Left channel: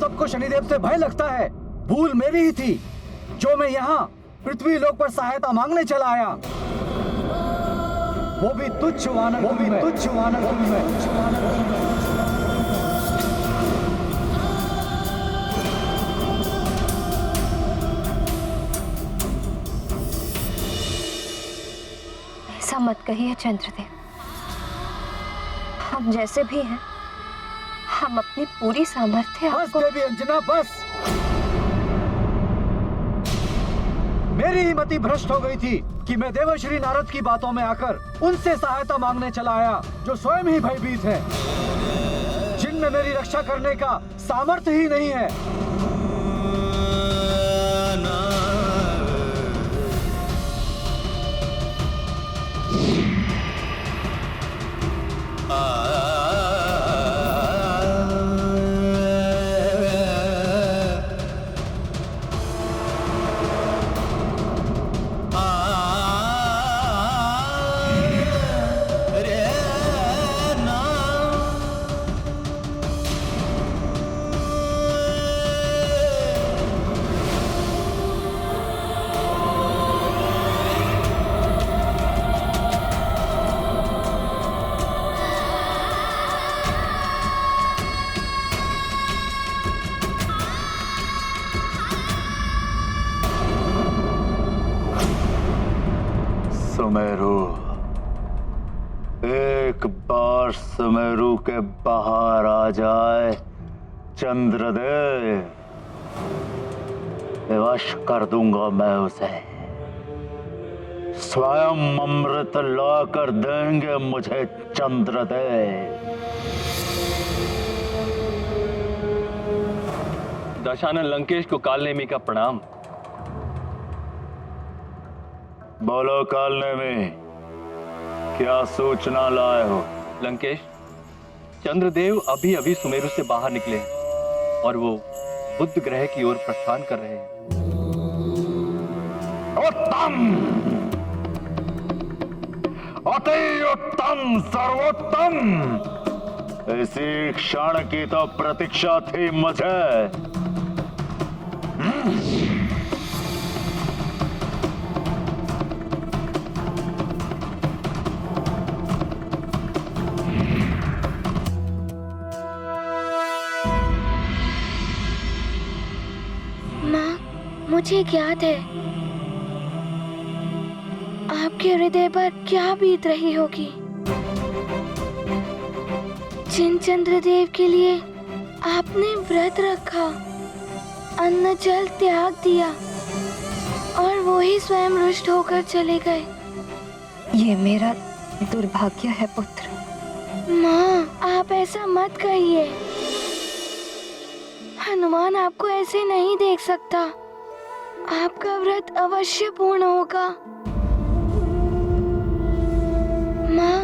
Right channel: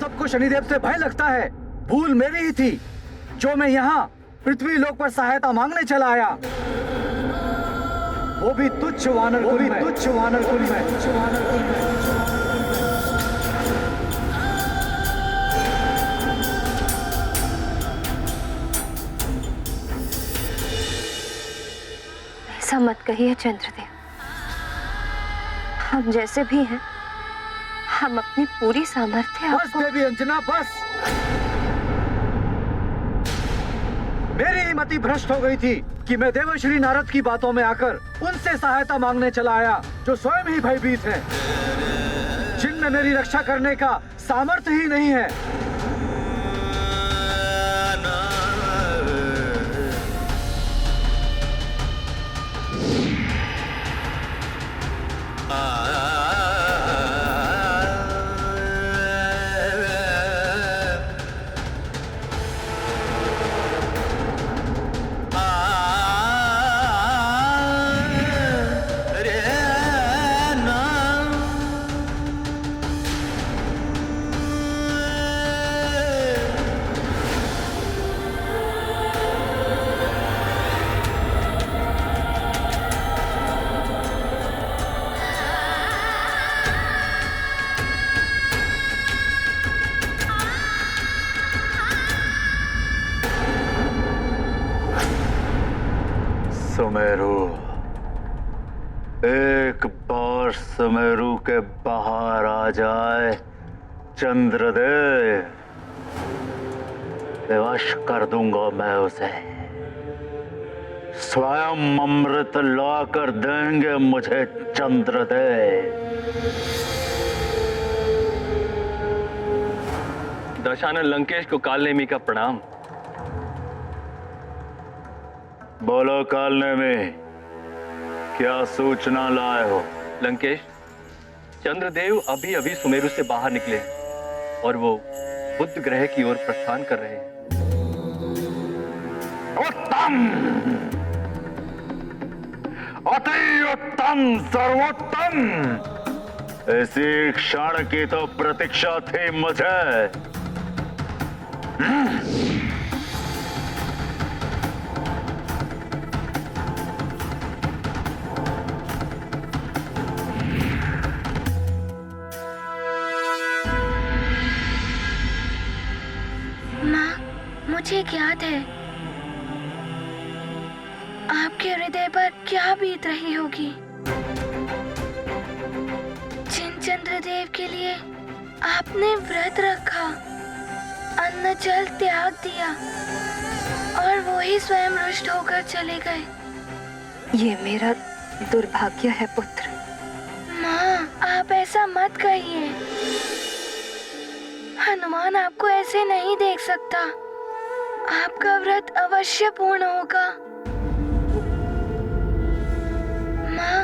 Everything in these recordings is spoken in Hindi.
सबको शनिदेव से भय लगता है। भूल मेरी ही थी जो मैं यहाँ पृथ्वी लोक पर सहायता मांगने चला आया, वो भी तुच्छ वानर कुल में। तुच्छ वानर कुल में। तुच्छ वानर कुल में। ऐसा मत कहिए चंद्रदेव, हम जैसे भी हैं, हम अपनी पूरी सामर्थ्य बस आपको। देवी अंजना बस। मेरी ही मति भ्रष्ट हो गई थी कि मैं देवर्षि नारद की बातों में आकर उनसे सहायता मांगने चला आया जो स्वयं ही भयभीत हैं, जिनमें मेरी रक्षा करने का सामर्थ्य ही नहीं है। सुमेरु, एक बार सुमेरु के बाहर आ जाए चंद्रदेव, विवश कर दूंगा मैं उसे। स्वयं अमृत लाकर देंगे मुझे चंद्रदेव। दशानन लंकेश को कालनेमी का प्रणाम। बोलो कालनेमी, क्या सूचना लाए हो? लंकेश, चंद्रदेव अभी अभी सुमेरु से बाहर निकले हैं और वो बुध ग्रह की ओर प्रस्थान कर रहे हैं। उत्तम, अति उत्तम, सर्वोत्तम। इसी क्षण की तो प्रतीक्षा थी मुझे। माँ, मुझे ज्ञात है आपके हृदय पर क्या बीत रही होगी। जिन चंद्रदेव के लिए आपने व्रत रखा, अन्न जल त्याग दिया और वो ही स्वयं रुष्ट होकर चले गए। ये मेरा दुर्भाग्य है पुत्र। माँ, आप ऐसा मत कहिए। हनुमान आपको ऐसे नहीं देख सकता। आपका व्रत अवश्य पूर्ण होगा। माँ,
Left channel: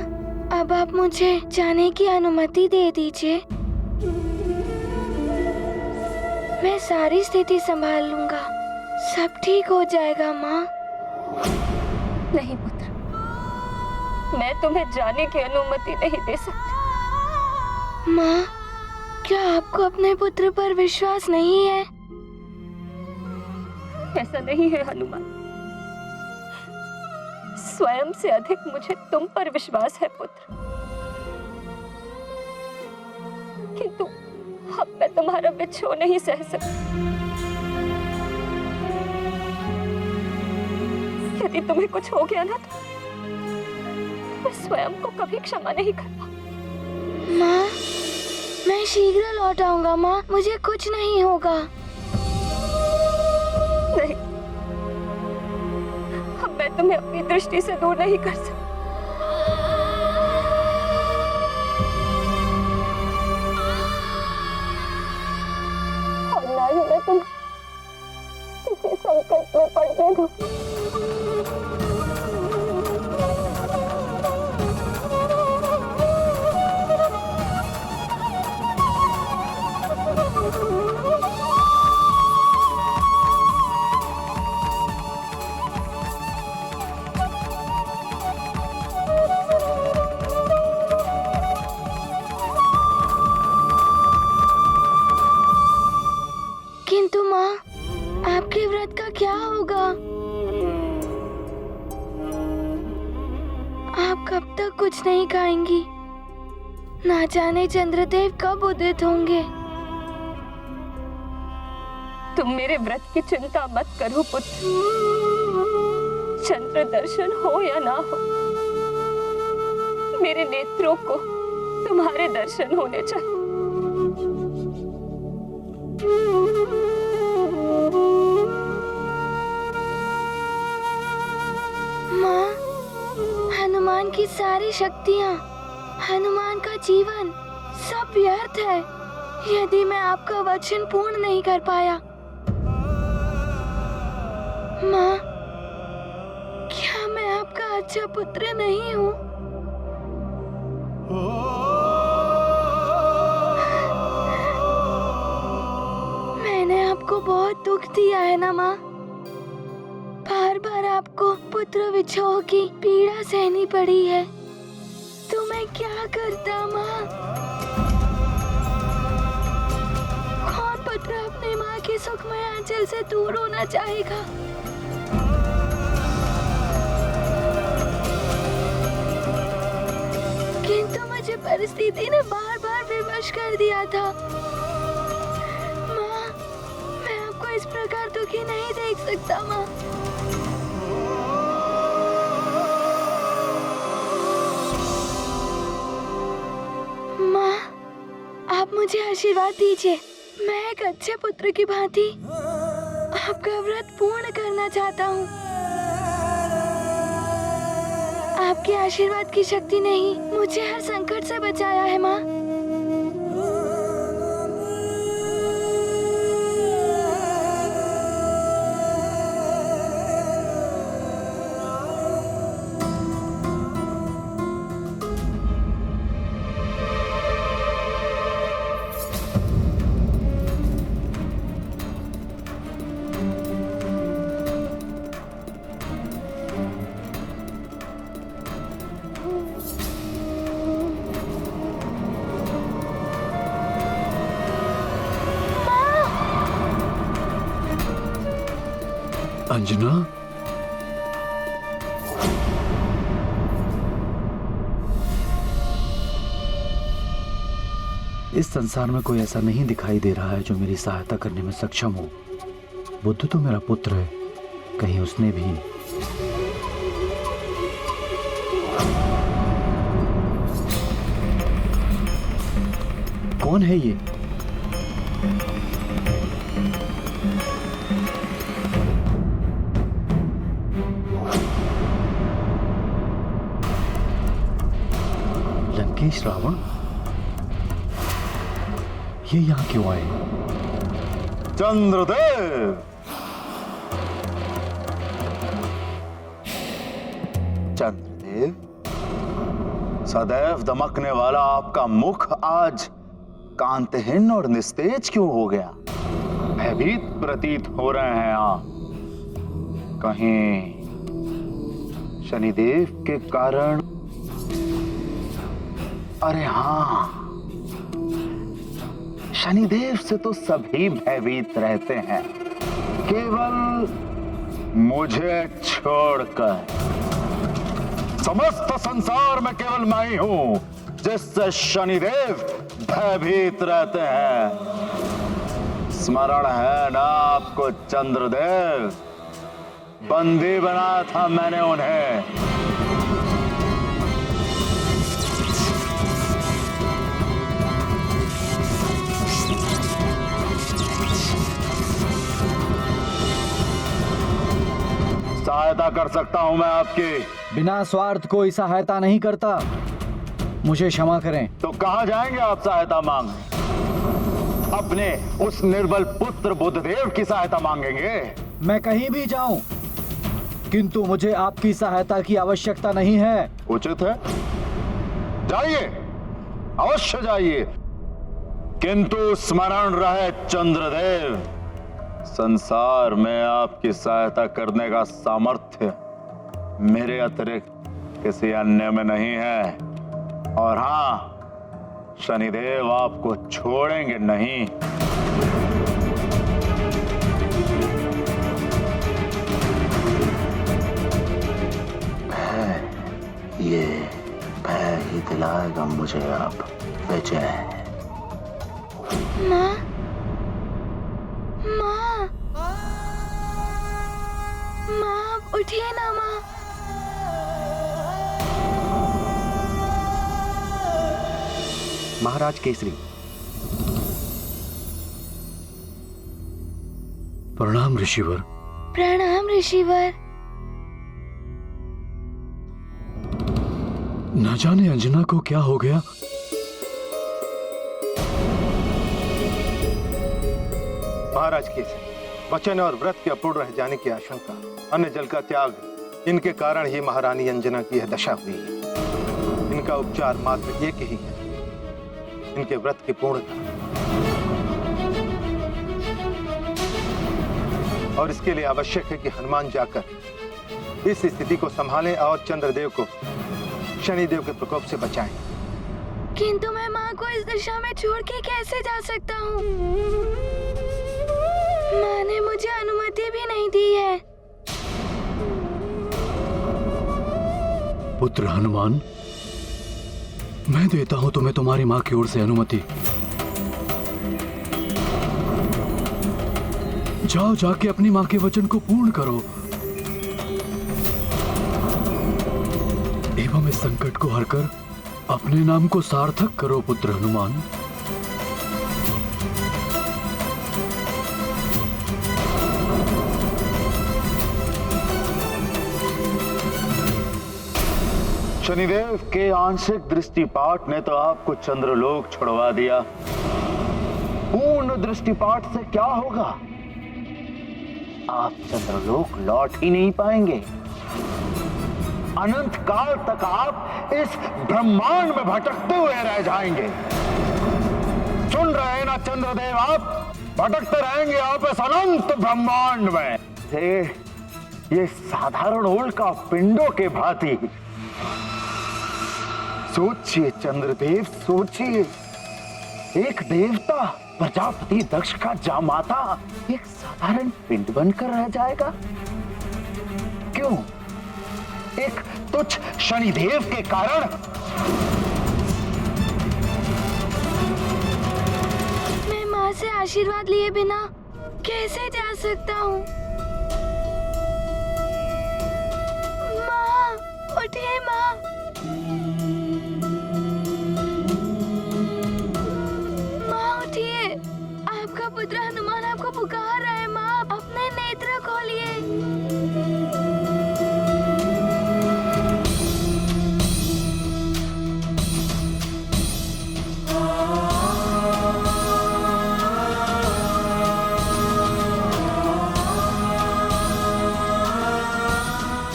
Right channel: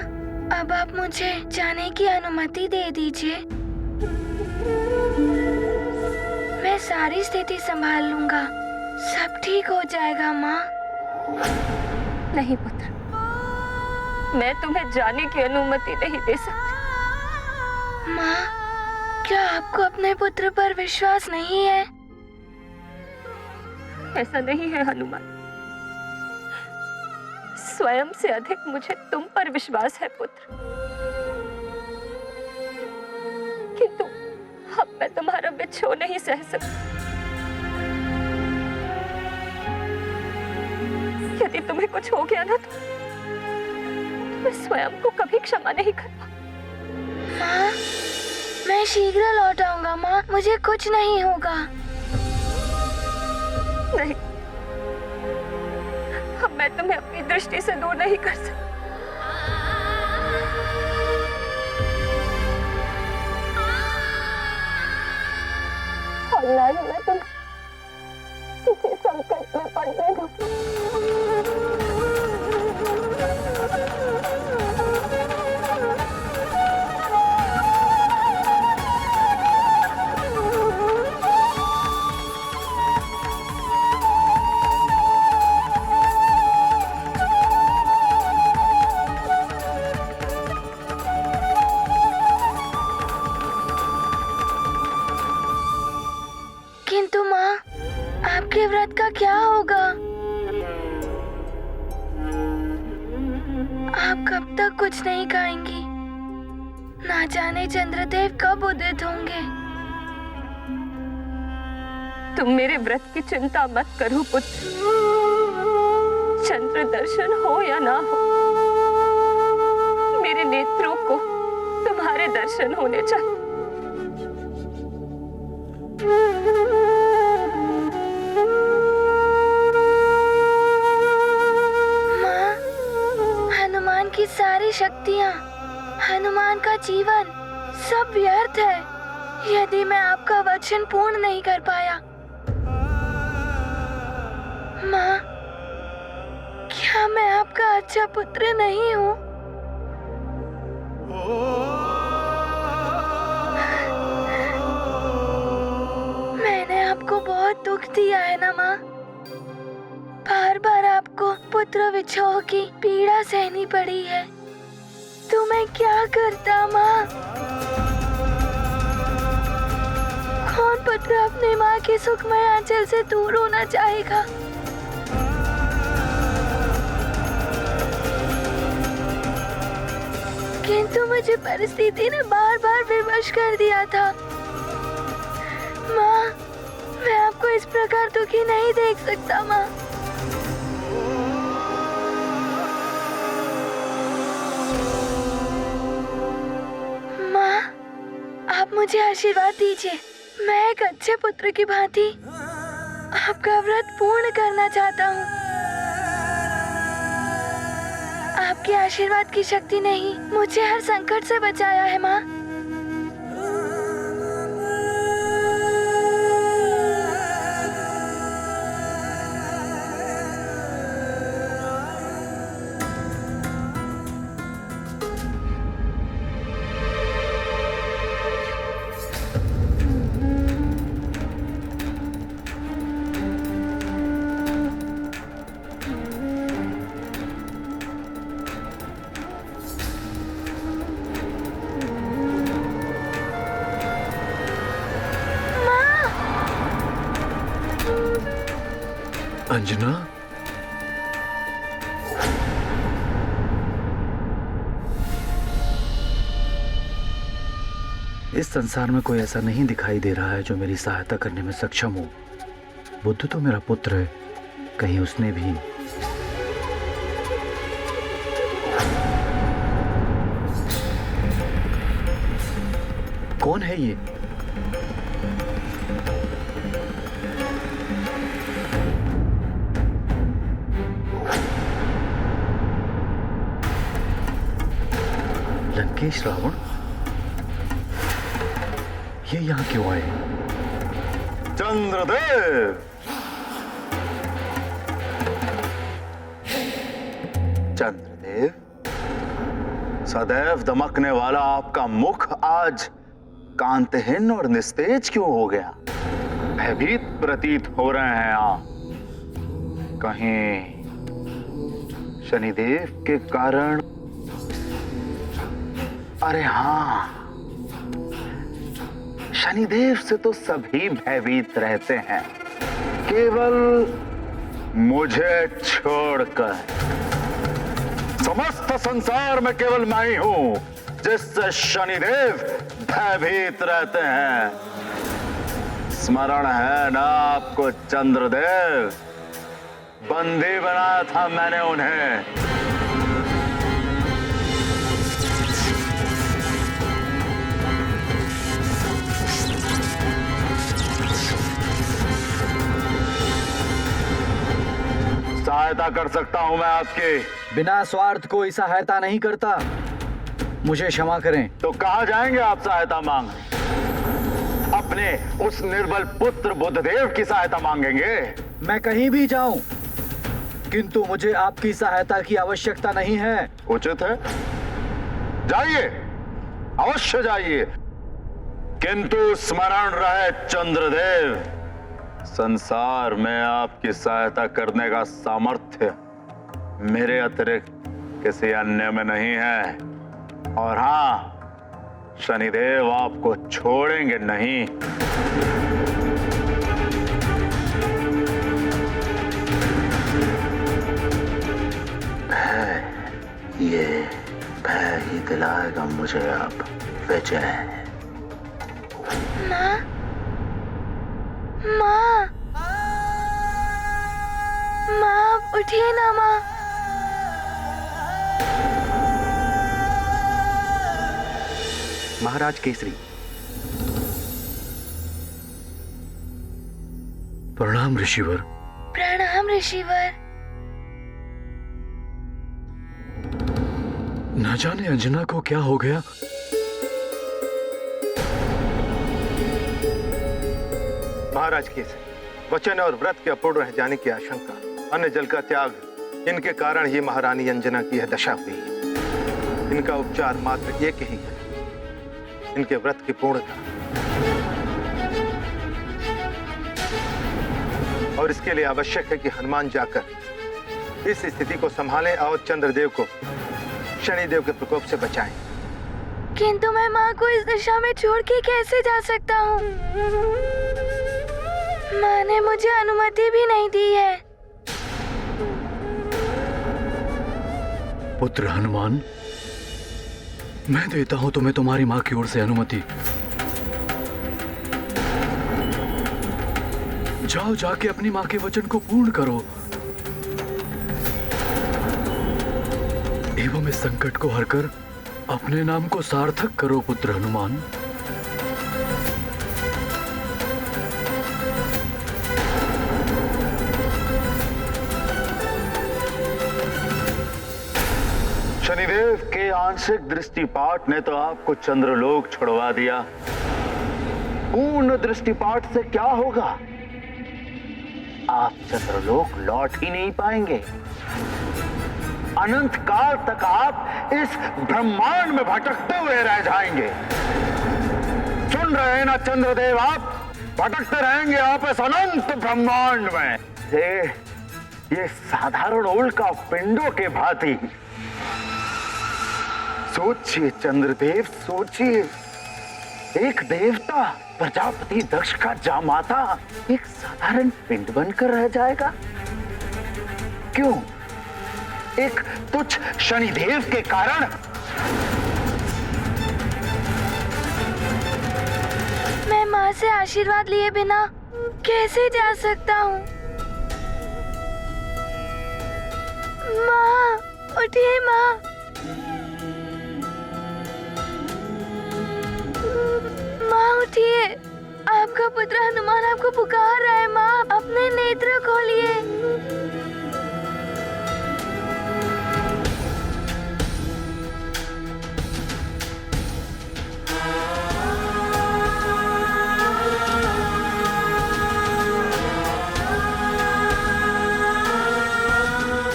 अब आप मुझे जाने की अनुमति दे दीजिए। मैं सारी स्थिति संभाल लूंगा। सब ठीक हो जाएगा माँ। नहीं पुत्र, मैं तुम्हें जाने की अनुमति नहीं दे सकती। माँ, क्या आपको अपने पुत्र पर विश्वास नहीं है? ऐसा नहीं है हनुमान, स्वयं से अधिक मुझे तुम पर विश्वास है पुत्र। किंतु अब मैं तुम्हारा विछोह नहीं सह सकती। यदि तुम्हें कुछ हो गया ना तो मैं स्वयं को कभी क्षमा नहीं कर पाऊंगी। माँ, मैं शीघ्र लौट आऊंगा माँ, मुझे कुछ नहीं होगा। नहीं, अब मैं तुम्हें अपनी दृष्टि से दूर नहीं कर सकती। और ना ही मैं तुम्हें किसी संकट में पड़ने दूंगी। किंतु माँ, आपके व्रत का क्या होगा? आप कब तक कुछ नहीं खाएंगी? ना जाने चंद्रदेव कब उदित होंगे। तुम मेरे व्रत की चिंता मत करो पुत्र। चंद्र दर्शन हो या ना हो, मेरे नेत्रों को तुम्हारे दर्शन होने चाहिए। माँ, हनुमान की सारी शक्तियाँ, हनुमान का जीवन सब व्यर्थ है यदि मैं आपका वचन पूर्ण नहीं कर पाया। माँ, क्या मैं आपका अच्छा पुत्र नहीं हूँ? मैंने आपको बहुत दुख दिया है ना माँ? बार बार आपको पुत्र विछोह की पीड़ा सहनी पड़ी है, तो मैं क्या करता माँ? कौन पुत्र अपने माँ के सुखमय आंचल से दूर होना चाहेगा? किंतु मुझे परिस्थिति ने बार बार विवश कर दिया था। माँ, मैं आपको इस प्रकार दुखी नहीं देख सकता माँ। माँ, आप मुझे आशीर्वाद दीजिए। मैं एक अच्छे पुत्र की भांति आपका व्रत पूर्ण करना चाहता हूँ। आपके आशीर्वाद की शक्ति ने ही मुझे हर संकट से बचाया है माँ। अंजना, इस संसार में कोई ऐसा नहीं दिखाई दे रहा है जो मेरी सहायता करने में सक्षम हो। बुद्ध तो मेरा पुत्र है, कहीं उसने भी। कौन है ये? लंकेश रावण, ये यहां क्यों आए? चंद्रदेव, चंद्रदेव, सदैव दमकने वाला आपका मुख आज कांतहीन और निस्तेज क्यों हो गया? भयभीत प्रतीत हो रहे हैं आप। कहीं शनिदेव के कारण? अरे हाँ, शनिदेव से तो सभी भयभीत रहते हैं, केवल मुझे छोड़कर। समस्त संसार में केवल मैं ही हूं जिससे शनिदेव भयभीत रहते हैं। स्मरण है ना आपको चंद्रदेव? बंदी बनाया था मैंने उन्हें। सहायता कर सकता हूं मैं आपकी। बिना स्वार्थ कोई सहायता नहीं करता, मुझे क्षमा करें। तो कहां जाएंगे आप सहायता मांगने? अपने उस निर्बल पुत्र बुद्धदेव की सहायता मांगेंगे? मैं कहीं भी जाऊं, किंतु मुझे आपकी सहायता की आवश्यकता नहीं है। उचित है, जाइए, अवश्य जाइए, किंतु स्मरण रहे चंद्रदेव, संसार में आपकी सहायता करने का सामर्थ्य मेरे अतिरिक्त किसी अन्य में नहीं है। और हां, शनिदेव आपको छोड़ेंगे नहीं। दिलाएगा मुझे अब विजय। माँ, माँ, माँ आप उठिए ना माँ। महाराज केसरी। प्रणाम ऋषिवर। प्रणाम ऋषिवर। न जाने अंजना को क्या हो गया। महाराज केसरी, वचन और व्रत के अपूर्ण रह जाने की आशंका, अन्न जल का त्याग, इनके कारण ही महारानी अंजना की यह दशा हुई है। इनका उपचार मात्र एक ही है, इनके व्रत की पूर्णता। और इसके लिए आवश्यक है कि हनुमान जाकर इस स्थिति को संभालें और चंद्रदेव को शनिदेव के प्रकोप से बचाएं। किंतु मैं माँ को इस दशा में छोड़ के कैसे जा सकता हूँ? माँ ने मुझे अनुमति भी नहीं दी है। पुत्र हनुमान, मैं देता हूं तुम्हें तुम्हारी मां की ओर से अनुमति। जाओ, जाके अपनी मां के वचन को पूर्ण करो एवं इस संकट को हरकर अपने नाम को सार्थक करो पुत्र हनुमान। शनिदेव के आंशिक दृष्टिपात ने तो आपको चंद्रलोक छुड़वा दिया। पूर्ण दृष्टिपात से क्या होगा? आप चंद्रलोक लौट ही नहीं पाएंगे। अनंत काल तक आप इस ब्रह्मांड में भटकते हुए रह जाएंगे। सुन रहे हैं ना चंद्रदेव, आप भटकते रहेंगे आप इस अनंत ब्रह्मांड में। ये साधारण उल्का पिंडों के भांति। सोचिए चंद्रदेव, सोचिए, एक देवता प्रजापति दक्ष का जामाता एक साधारण पिंड बनकर रह जाएगा। क्यों? एक तुच्छ शनिदेव के कारण। मैं माँ से आशीर्वाद लिए बिना कैसे जा सकता हूँ? माँ, उठिए माँ। माँ उठिए, आपका पुत्र हनुमान आपको पुकार रहा है। माँ, अपने नेत्र खोलिए।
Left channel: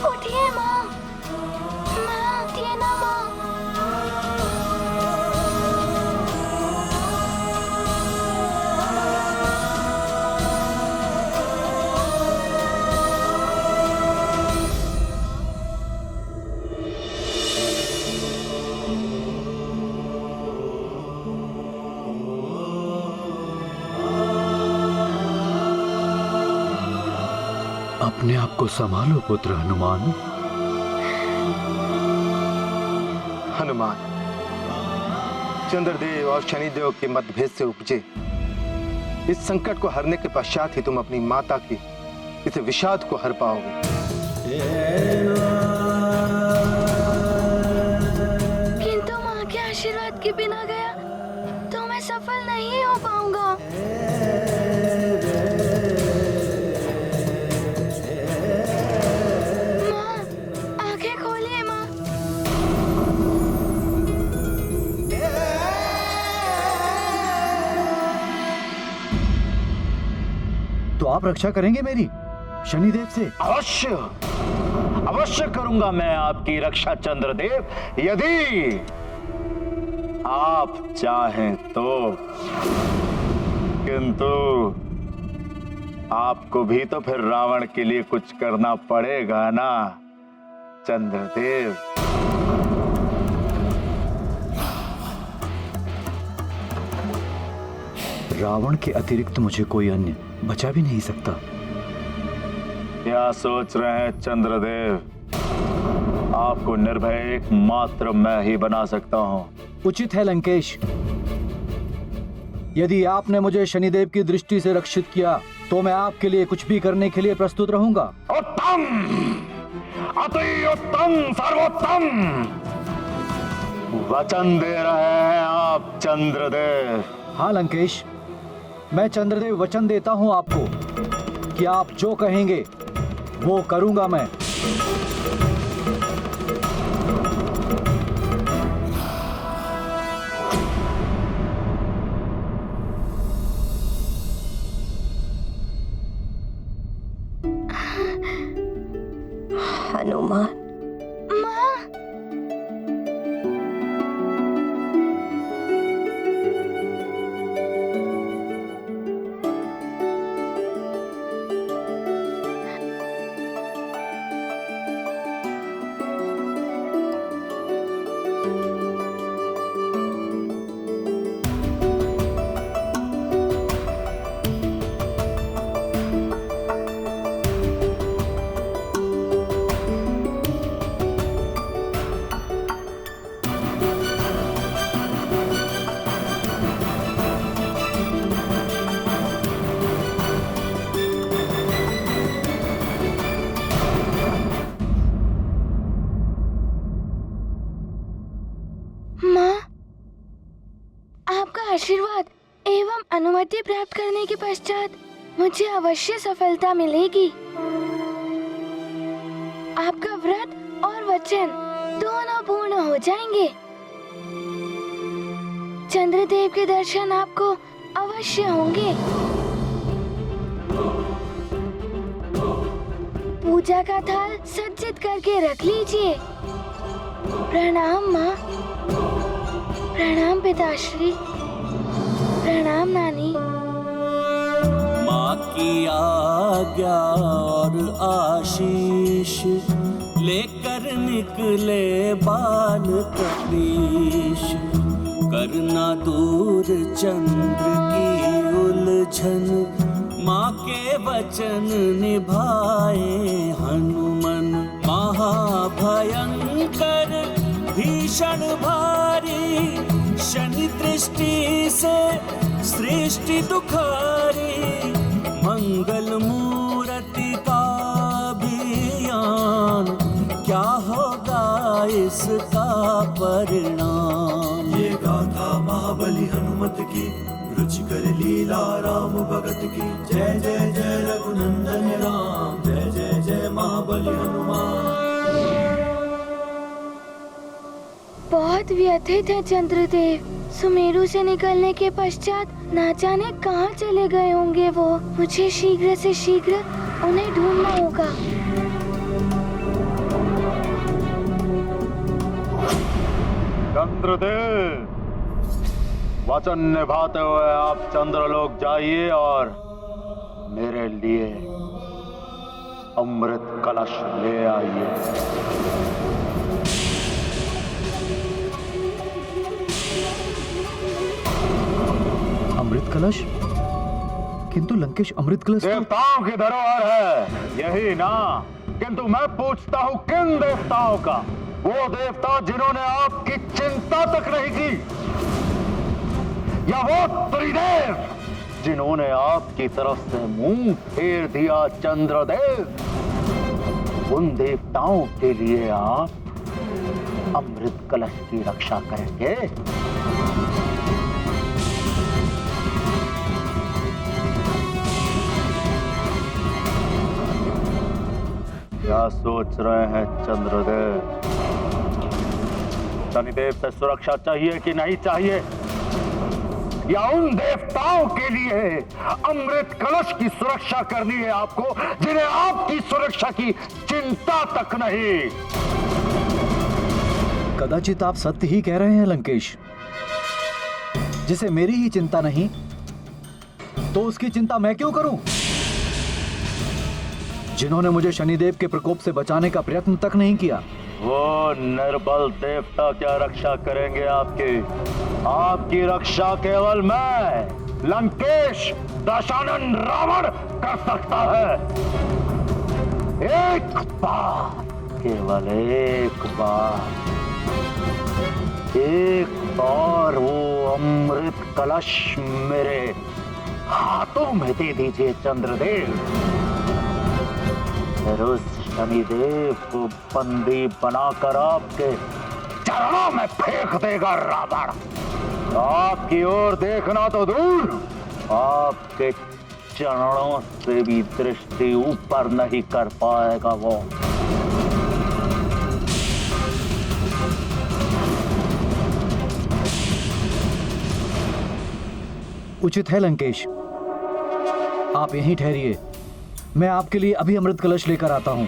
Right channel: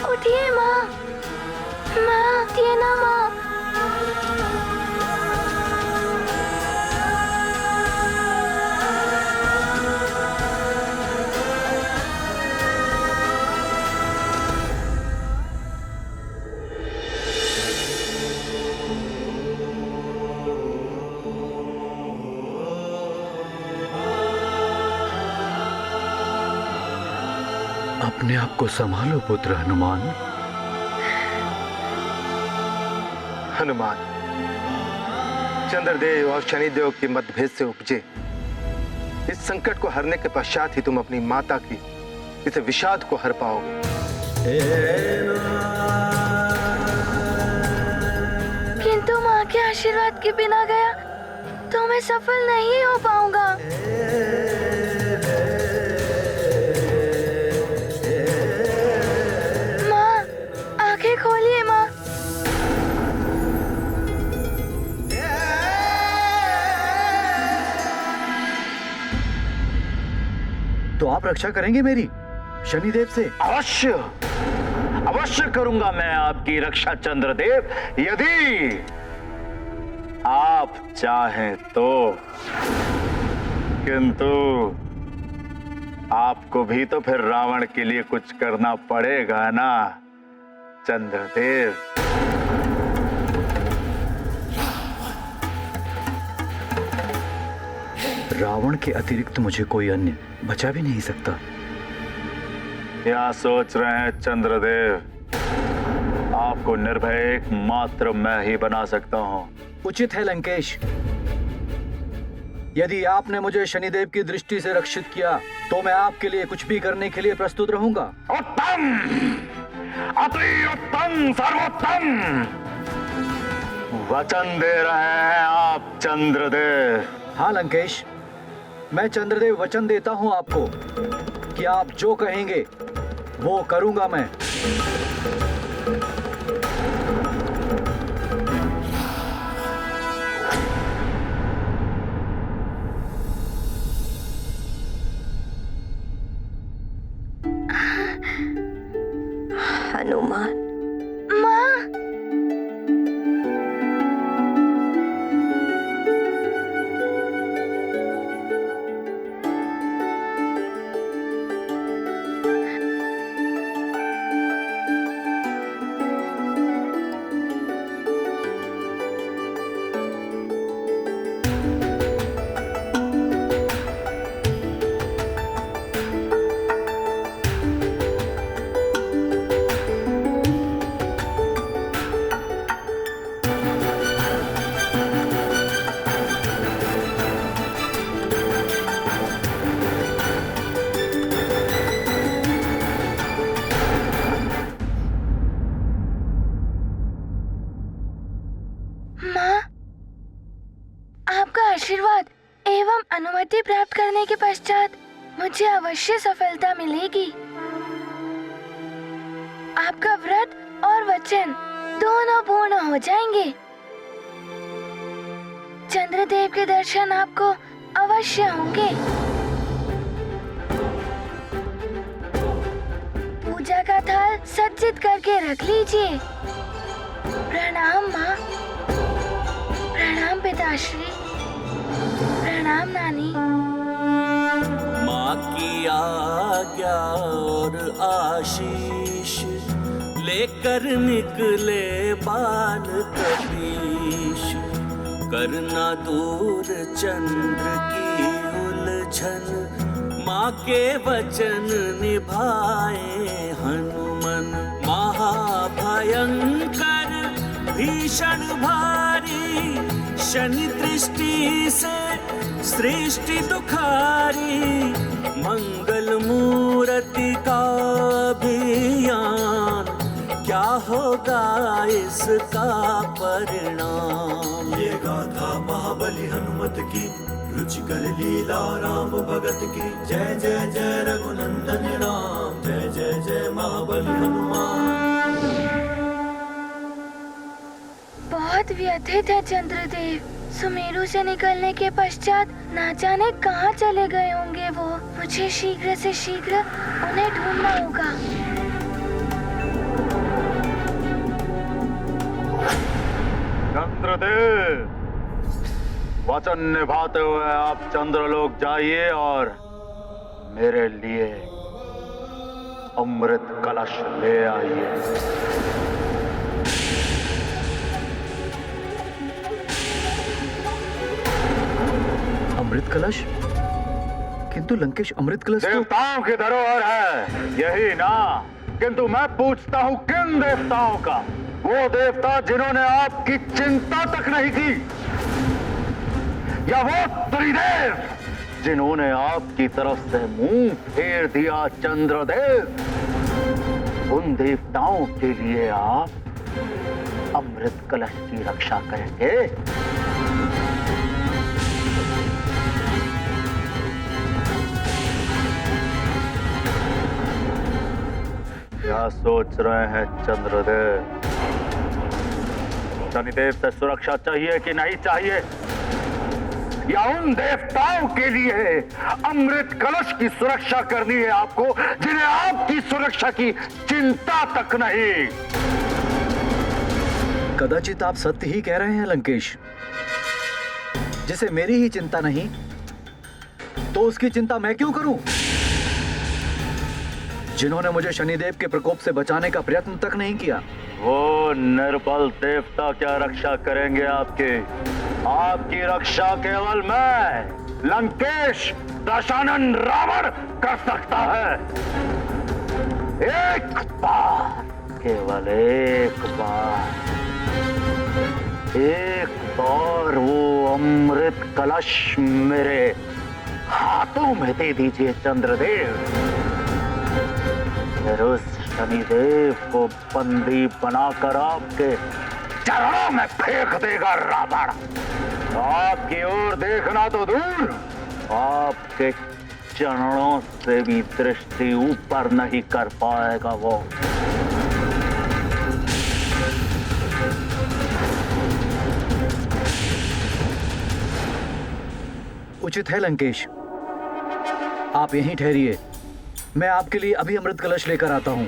उठिए माँ, माँ उठिए ना माँ। अपने आप को संभालो पुत्र हनुमान। हनुमान, चंद्रदेव और शनिदेव के मतभेद से उपजे इस संकट को हरने के पश्चात ही तुम अपनी माता की इस विषाद को हर पाओगे। किंतु माँ के आशीर्वाद के बिना गया तो मैं सफल नहीं हो पाऊंगा। माँ, आंखें खोलिए माँ। तो आप रक्षा करेंगे मेरी शनिदेव से? अवश्य, अवश्य करूंगा मैं आपकी रक्षा चंद्रदेव, यदि आप चाहें तो। किंतु आपको भी तो फिर रावण के लिए कुछ करना पड़ेगा ना चंद्रदेव। रावण के अतिरिक्त मुझे कोई अन्य बचा भी नहीं सकता। क्या सोच रहे हैं चंद्रदेव? आपको निर्भय एकमात्र मैं ही बना सकता हूं। उचित है लंकेश। यदि आपने मुझे शनिदेव की दृष्टि से रक्षित किया तो मैं आपके लिए कुछ भी करने के लिए प्रस्तुत रहूंगा। उत्तम, अति उत्तम, सर्वोत्तम। वचन दे रहे हैं आप चंद्रदेव? हाँ लंकेश, मैं चंद्रदेव वचन देता हूं आपको कि आप जो कहेंगे वो करूंगा मैं। हनुमान, माँ, माँ, आपका आशीर्वाद एवं अनुमति प्राप्त करने के पश्चात मुझे अवश्य सफलता मिलेगी। आपका व्रत और वचन दोनों पूर्ण हो जाएंगे। चंद्रदेव के दर्शन आपको अवश्य होंगे। पूजा का थाल सज्जित करके रख लीजिए। प्रणाम माँ। प्रणाम पिताश्री। प्रणाम नानी। माँ की आज्ञा और आशीष लेकर निकले बाल कपीश। करना दूर चंद्र की उलझन, माँ के वचन निभाए हनुमन। महाभयंकर भीषण भारी, शनि दृष्टि से सृष्टि दुखारी। मंगल मूर्ति का अभियान, क्या होगा इसका परिणाम। ये गाथा महाबली हनुमत की, रुचिकर लीला राम भगत की। जय जय जय रघुनंदन राम, जय जय जय महाबली हनुमान। बहुत व्यथित है चंद्रदेव। सुमेरु से निकलने के पश्चात ना जाने कहाँ चले गए होंगे वो। मुझे शीघ्र से शीघ्र उन्हें ढूंढना होगा। चंद्रदेव, वचन निभाते हुए आप चंद्रलोक जाइए और मेरे लिए अमृत कलश ले आइए। अमृत कलश? किंतु लंकेश, अमृत कलश तो... देवताओं की धरोहर है यही ना, किंतु मैं पूछता हूं किन देवताओं का? वो देवता जिन्होंने आपकी चिंता तक नहीं की, या वो त्रिदेव जिन्होंने आपकी तरफ से मुंह फेर दिया चंद्रदेव? उन देवताओं के लिए आप अमृत कलश की रक्षा करेंगे? क्या सोच रहे हैं चंद्रदेव? शनिदेव से सुरक्षा चाहिए कि नहीं चाहिए, या उन देवताओं के लिए अमृत कलश की सुरक्षा करनी है आपको, जिन्हें आपकी सुरक्षा की चिंता तक नहीं? कदाचित आप सत्य ही कह रहे हैं लंकेश। जिसे मेरी ही चिंता नहीं तो उसकी चिंता मैं क्यों करूं? जिन्होंने मुझे शनिदेव के प्रकोप से बचाने का प्रयत्न तक नहीं किया। वो निर्बल देवता क्या रक्षा करेंगे आपकी? आपकी रक्षा केवल मैं, लंकेश दशानन रावण कर सकता है। एक बार केवल एक बार वो अमृत कलश मेरे हाथों में दे दीजिए चंद्रदेव, फिर उस शनिदेव को बंदी बनाकर आपके चरणों में फेंक देगा रावण। आपकी ओर देखना तो दूर, आपके चरणों से भी दृष्टि ऊपर नहीं कर पाएगा वो। उचित है लंकेश, आप यहीं ठहरिए, मैं आपके लिए अभी अमृत कलश लेकर आता हूं।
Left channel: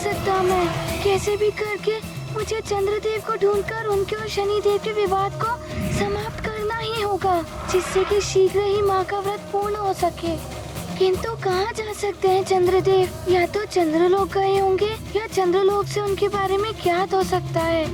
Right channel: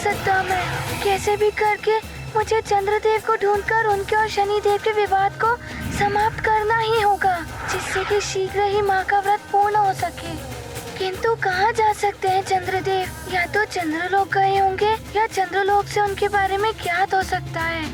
सकता मैं कैसे भी करके मुझे चंद्रदेव को ढूंढकर उनके और शनिदेव के विवाद को समाप्त करना ही होगा, जिससे कि शीघ्र ही माँ का व्रत पूर्ण हो सके। किंतु कहाँ जा सकते हैं चंद्रदेव? या तो चंद्रलोक गए होंगे या चंद्रलोक से उनके बारे में ज्ञात हो सकता है।